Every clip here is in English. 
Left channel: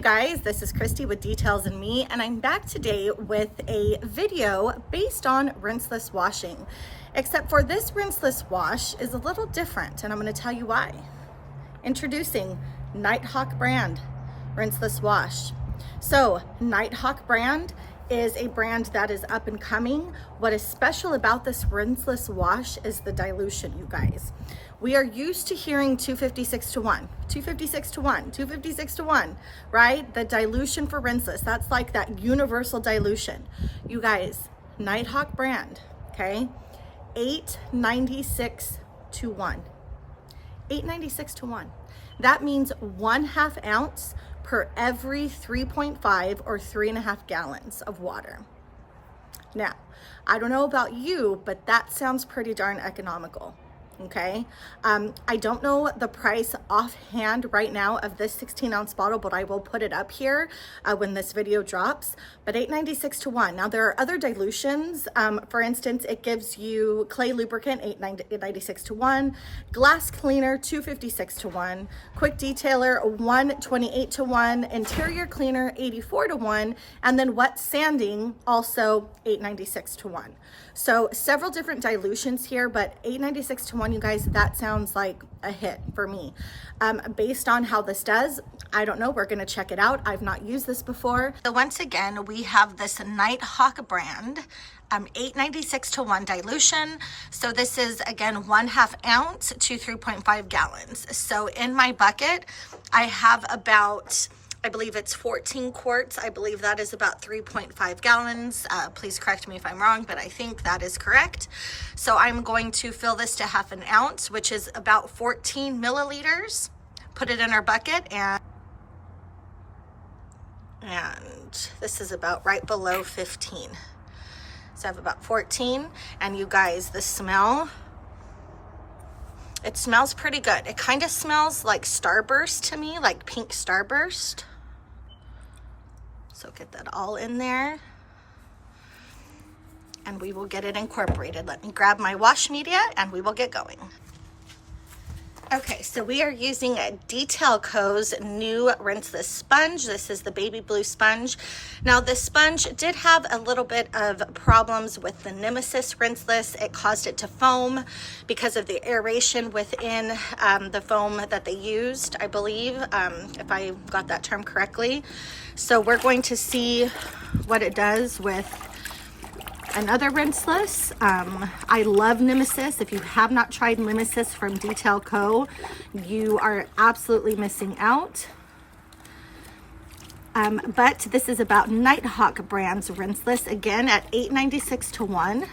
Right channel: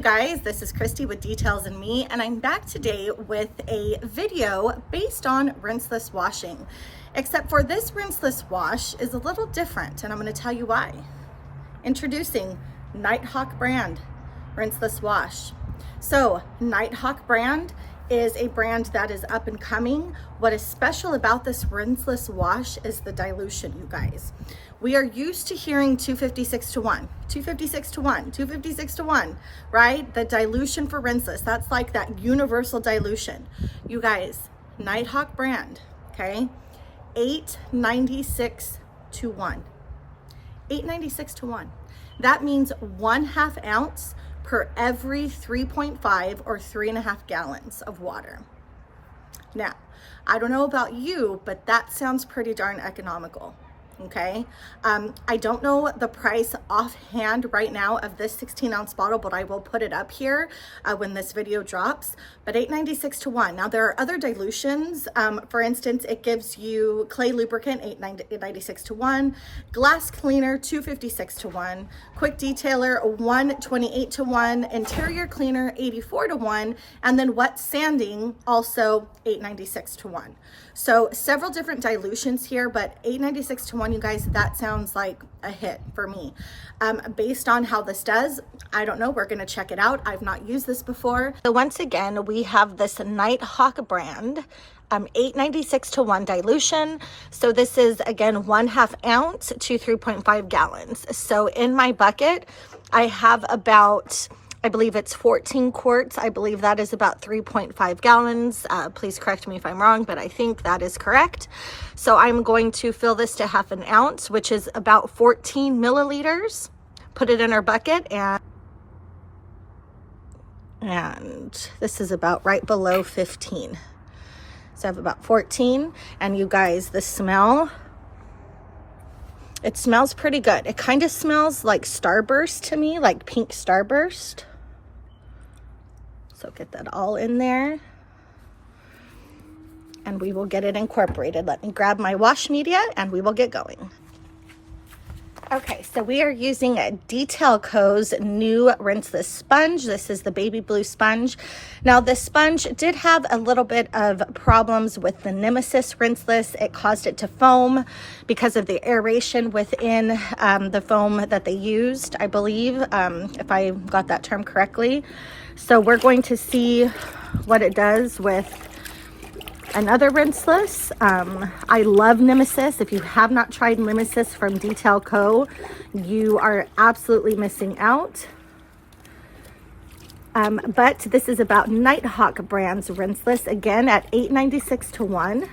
you guys, this is Christy with Details and Me, and I'm back today with a video based on rinseless washing. Except for this rinseless wash is a little different, and I'm going to tell you why. Introducing Nighthawk brand rinseless wash. So Nighthawk brand is a brand that is up and coming. What is special about this rinseless wash is the dilution, you guys. We are used to hearing 256 to 1, 256 to 1, 256 to 1, right? The dilution for rinseless, that's like that universal dilution. You guys, Nighthawk brand, okay? 896 to 1. 896 to 1. That means 1/2 ounce per every 3.5 or 3.5 gallons of water. Now, I don't know about you, but that sounds pretty darn economical. Okay, I don't know the price offhand right now of this 16-ounce bottle, but I will put it up here when this video drops. But 896 to 1. Now there are other dilutions. For instance, it gives you clay lubricant 896 to 1, glass cleaner 256 to 1, quick detailer 128 to 1, interior cleaner 84 to 1, and then wet sanding also 896 to 1. So several different dilutions here, but 896 to 1, you guys, that sounds like a hit for me. Based on how this does, I don't know. We're going to check it out. I've not used this before. So once again, we have this Nighthawk brand, 896 to 1 dilution. So this is, again, 1/2 ounce to 3.5 gallons. So in my bucket, I have about, I believe it's 14 quarts. I believe that is about 3.5 gallons. Please correct me if I'm wrong, but I think that is correct. So I'm going to fill this to 1/2 ounce, which is about 14 milliliters. Put it in our bucket, and this is about right below 15. So I have about 14, and you guys, the smell, it smells pretty good. It kind of smells like Starburst to me, like pink Starburst. So get that all in there, and we will get it incorporated. Let me grab my wash media and we will get going. Okay, so we are using Detail Co.'s new rinseless sponge. This is the baby blue sponge. Now this sponge did have a little bit of problems with the Nemesis rinseless. It caused it to foam because of the aeration within the foam that they used, I believe, if I got that term correctly. So we're going to see what it does with another rinseless. I love Nemesis. If you have not tried Nemesis from Detail Co., you are absolutely missing out. But this is about Nighthawk brand's rinseless, again at 896 to 1.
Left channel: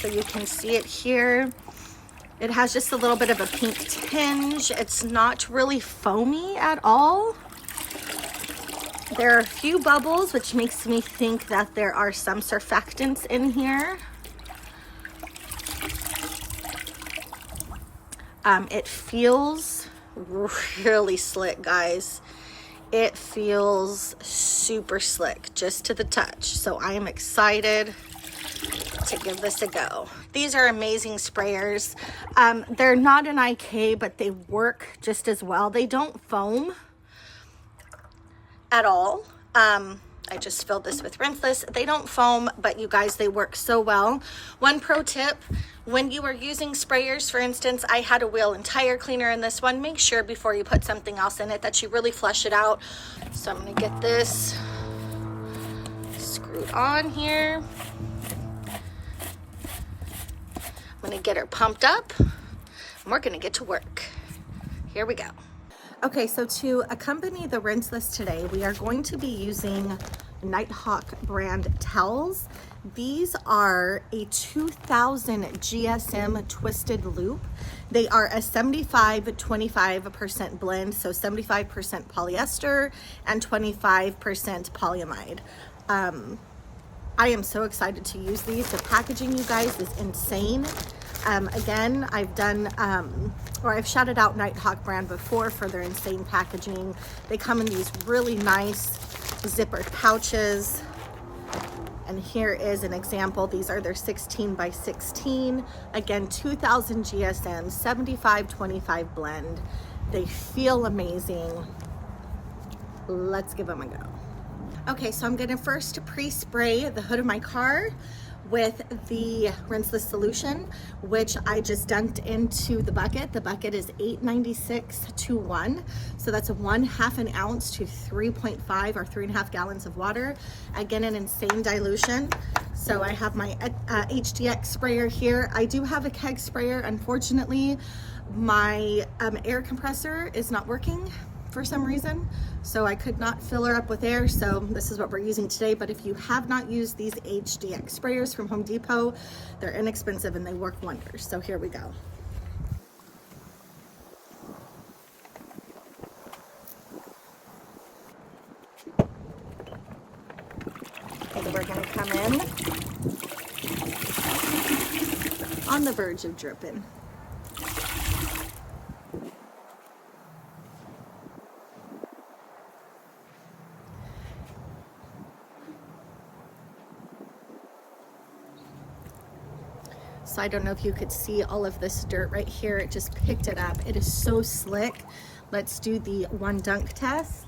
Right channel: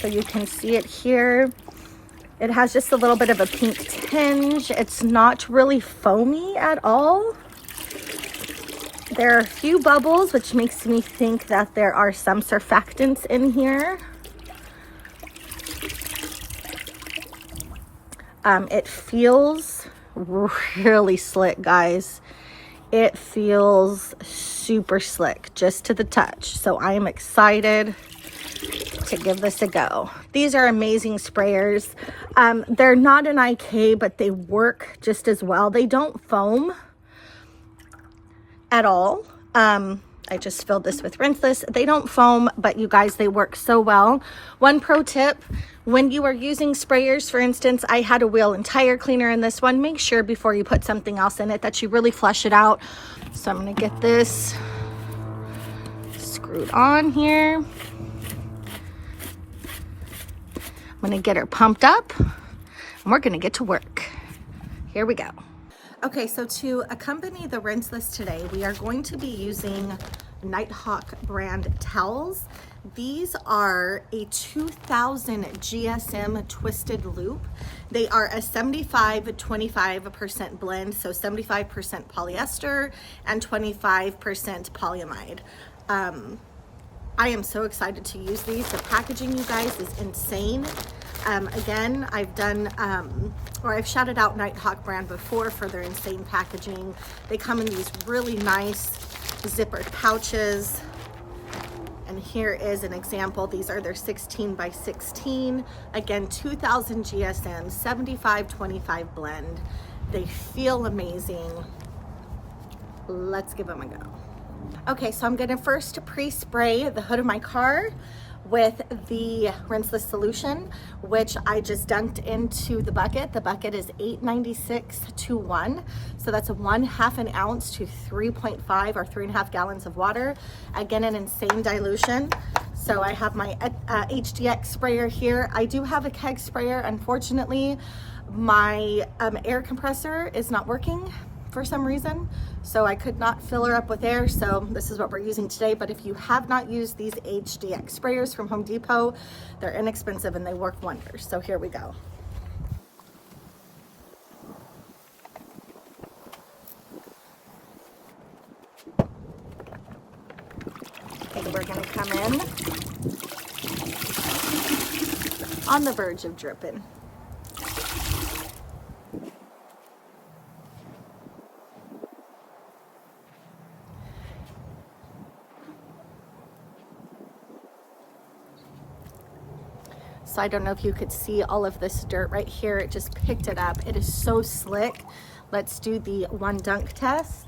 So you can see it here. It has just a little bit of a pink tinge. It's not really foamy at all. There are a few bubbles, which makes me think that there are some surfactants in here. It feels really slick, guys. It feels super slick, just to the touch. So I am excited to give this a go. These are amazing sprayers. They're not an IK, but they work just as well. They don't foam at all. I just filled this with rinseless. They don't foam, but you guys, they work so well. One pro tip, when you are using sprayers, for instance, I had a wheel and tire cleaner in this one. Make sure before you put something else in it that you really flush it out. So I'm gonna get this screwed on here. I'm gonna get her pumped up, and we're gonna get to work. Here we go. Okay, so to accompany the rinseless today, we are going to be using Nighthawk brand towels. These are a 2000 GSM twisted loop. They are a 75-25% blend, so 75% polyester and 25% polyamide. I am so excited to use these. The packaging, you guys, is insane. Again, I've done, or I've shouted out Nighthawk brand before for their insane packaging. They come in these really nice zippered pouches. And here is an example. These are their 16 by 16. Again, 2000 GSM, 75-25 blend. They feel amazing. Let's give them a go. Okay, so I'm gonna first pre-spray the hood of my car with the Rinseless solution, which I just dunked into the bucket. The bucket is 896 to 1. So that's 1/2 an ounce to 3.5 or 3.5 gallons of water. Again, an insane dilution. So I have my HDX sprayer here. I do have a keg sprayer. Unfortunately, my air compressor is not working for some reason, so I could not fill her up with air, so this is what we're using today. But if you have not used these HDX sprayers from Home Depot, they're inexpensive and they work wonders. So here we go. And we're going to come in on the verge of dripping. So I don't know if you could see all of this dirt right here. It just picked it up. It is so slick. Let's do the one dunk test.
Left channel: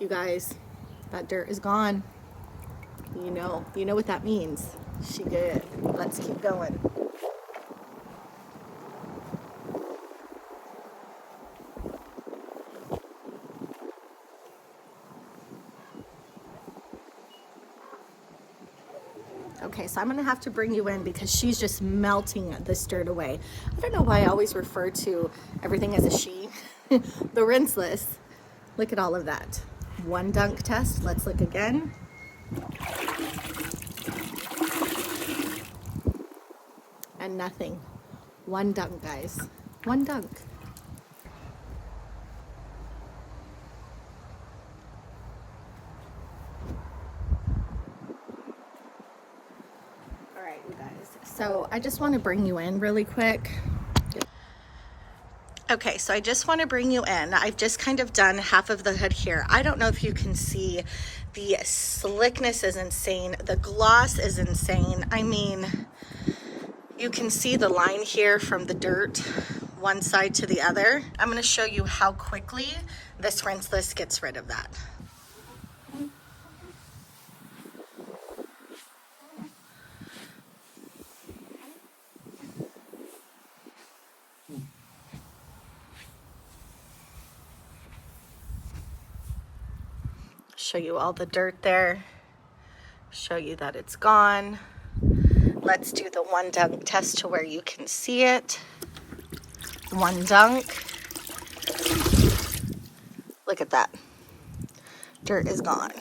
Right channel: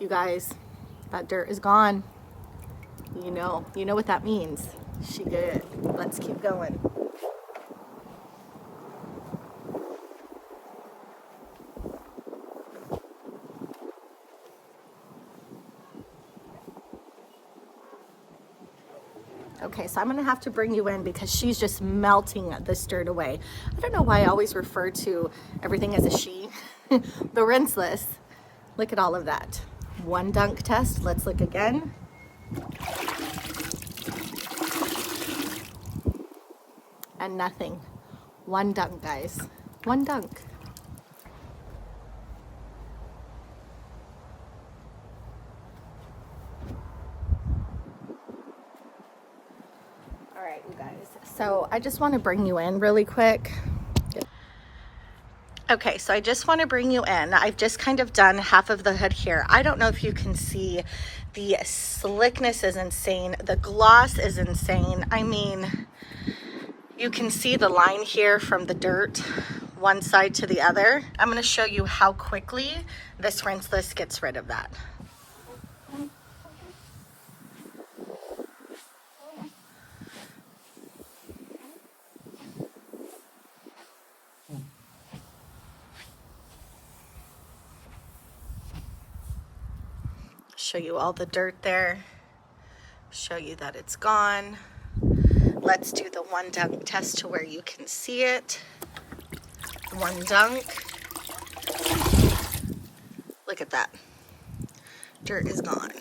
You guys, that dirt is gone. You know what that means. She did it. Let's keep going. Okay, so I'm gonna have to bring you in because she's just melting this dirt away. I don't know why I always refer to everything as a she. The Rinseless. Look at all of that. One dunk test. Let's look again. And nothing. One dunk, guys. One dunk. All right, you guys. So I just want to bring you in really quick. Okay, so I just want to bring you in. I've just kind of done half of the hood here. I don't know if you can see, the slickness is insane. The gloss is insane. I mean, you can see the line here from the dirt, one side to the other. I'm going to show you how quickly this Rinseless gets rid of that. Show you all the dirt there. Show you that it's gone. Let's do the one dunk test to where you can see it. One dunk. Look at that. Dirt is gone.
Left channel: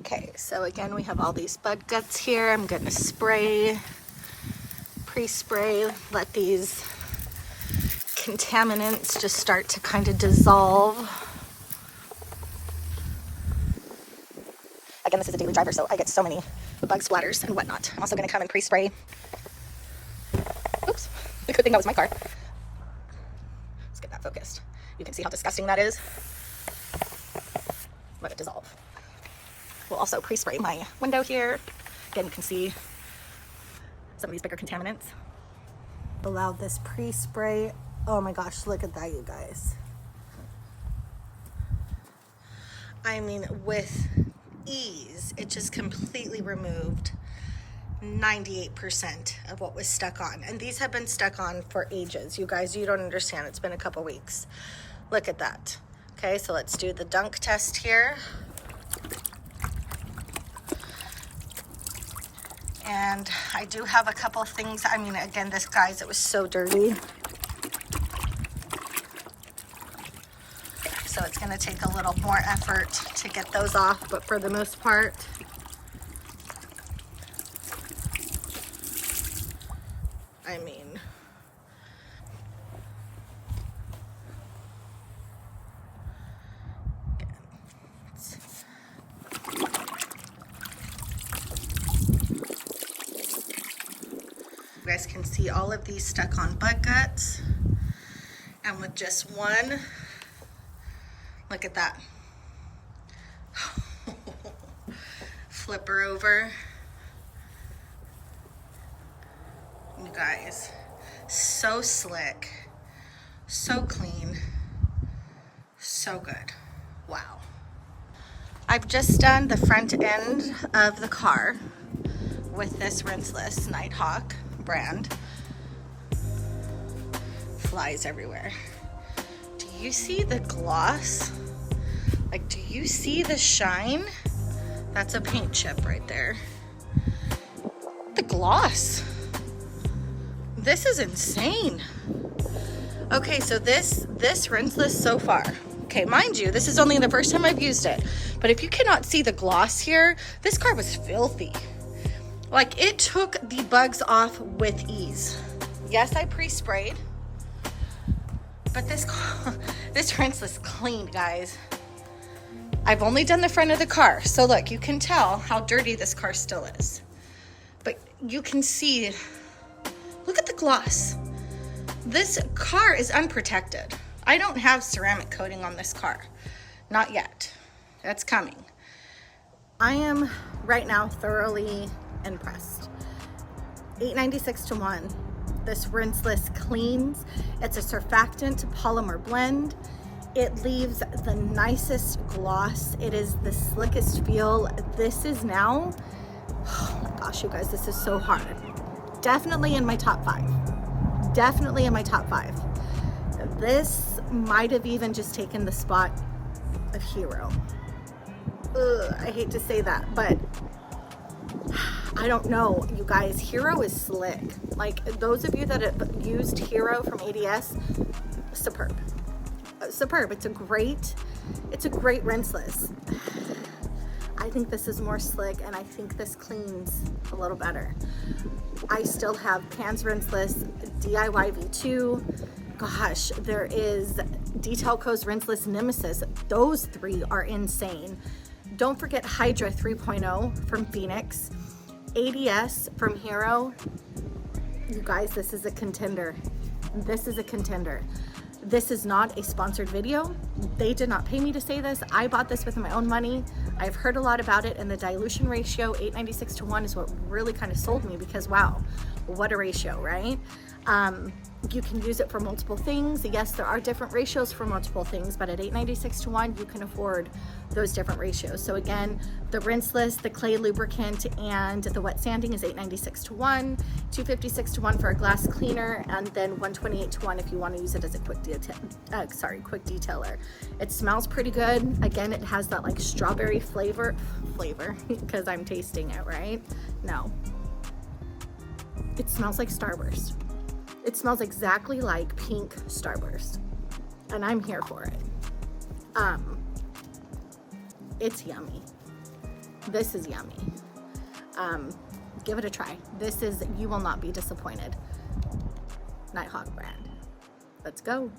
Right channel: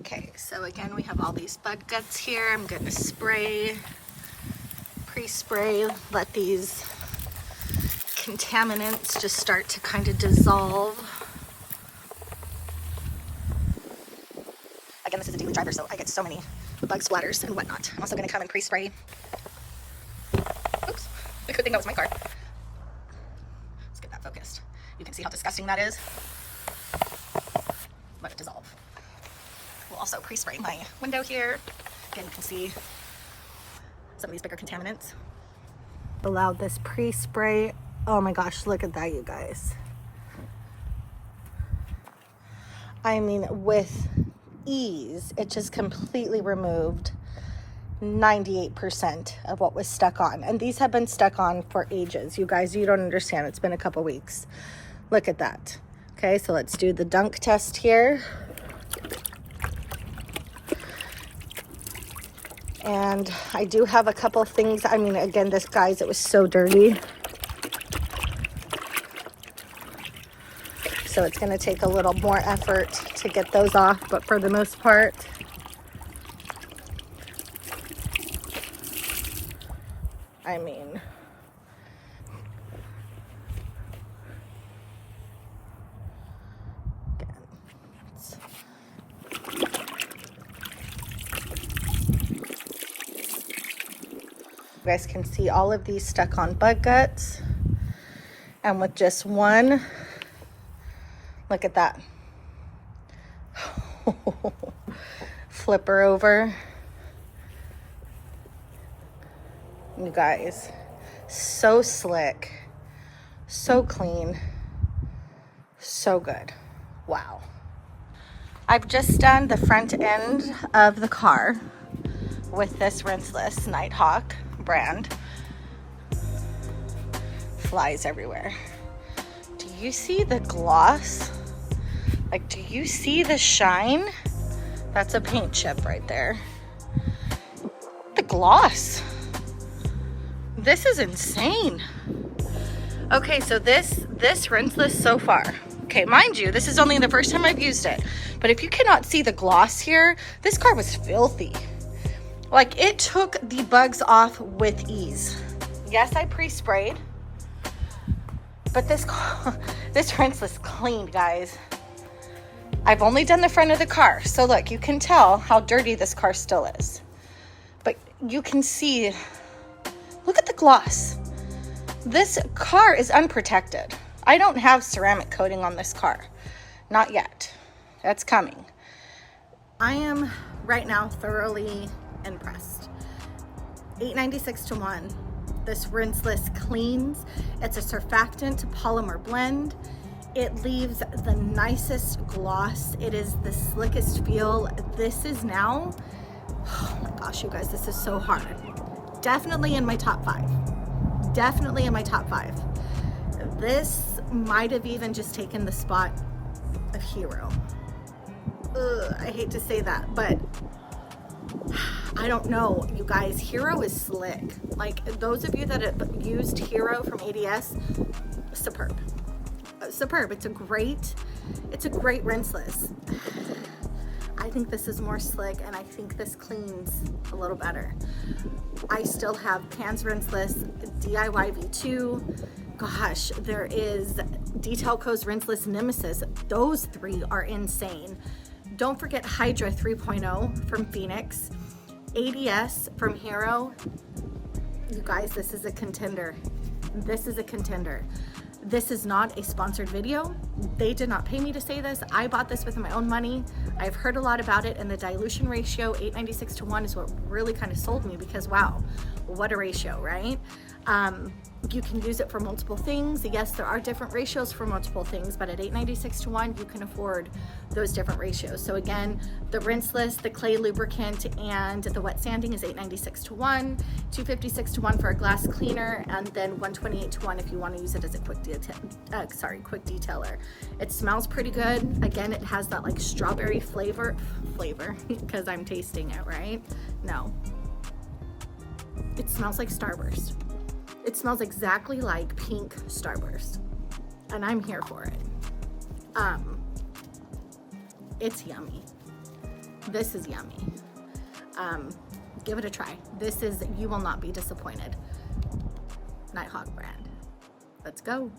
Okay, so again, we have all these bug guts here. I'm gonna spray, pre-spray, let these contaminants just start to kind of dissolve. Again, this is a daily driver, so I get so many bug splatters and whatnot. I'm also gonna come and pre-spray. Oops, the good thing that was my car. Let's get that focused. You can see how disgusting that is. Let it dissolve. We'll also pre-spray my window here. Again, you can see some of these bigger contaminants. Allow this pre-spray. Oh my gosh, look at that, you guys. I mean, with ease, it just completely removed 98% of what was stuck on. And these have been stuck on for ages. You guys, you don't understand. It's been a couple weeks. Look at that. Okay, so let's do the dunk test here. And I do have a couple of things. I mean, again, this, guys, it was so dirty. So it's gonna take a little more effort to get those off, but for the most part, I mean, again, you guys can see all of these stuck on bug guts, and with just one, look at that. Flip her over. You guys, so slick, so clean, so good. Wow. I've just done the front end of the car with this Rinseless Nighthawk brand. Flies everywhere. Do you see the gloss? Like, do you see the shine? That's a paint chip right there. The gloss. This is insane. Okay, so this Rinseless so far. Okay, mind you, this is only the first time I've used it. But if you cannot see the gloss here, this car was filthy. Like, it took the bugs off with ease. Yes, I pre-sprayed. But this Rinseless cleaned, guys. I've only done the front of the car. So look, you can tell how dirty this car still is. But you can see, look at the gloss. This car is unprotected. I don't have ceramic coating on this car. Not yet. That's coming. I am right now thoroughly impressed. $8.96 to 1. This Rinseless cleans. It's a surfactant polymer blend. It leaves the nicest gloss. It is the slickest feel. This is now, oh my gosh, you guys, this is so hard. Definitely in my top 5. Definitely in my top 5. This might have even just taken the spot of Hero. Ugh, I hate to say that, but I don't know, you guys. Hero is slick. Like, those of you that have used Hero from ADS, superb. Superb. It's a great Rinseless. I think this is more slick, and I think this cleans a little better. I still have Pans Rinseless, DIY V2. Gosh, there is Detail Co's Rinseless Nemesis. Those 3 are insane. Don't forget Hydra 3.0 from Phoenix, ADS from Hero. You guys, this is a contender. This is a contender. This is not a sponsored video. They did not pay me to say this. I bought this with my own money. I've heard a lot about it, and the dilution ratio, 8.96 to 1, is what really kind of sold me, because wow, what a ratio, right? You can use it for multiple things. Yes, there are different ratios for multiple things, but at 8.96 to 1, you can afford those different ratios. So again, the Rinseless, the clay lubricant, and the wet sanding is 8.96 to 1, 2.56 to 1 for a glass cleaner, and then 1.28 to 1 if you want to use it as a quick detailer. It smells pretty good. Again, it has that like strawberry flavor, because I'm tasting it, right? No. It smells like Starburst. It smells exactly like pink Starburst, and I'm here for it. It's yummy. This is yummy. Give it a try. You will not be disappointed. Nighthawk brand. Let's go.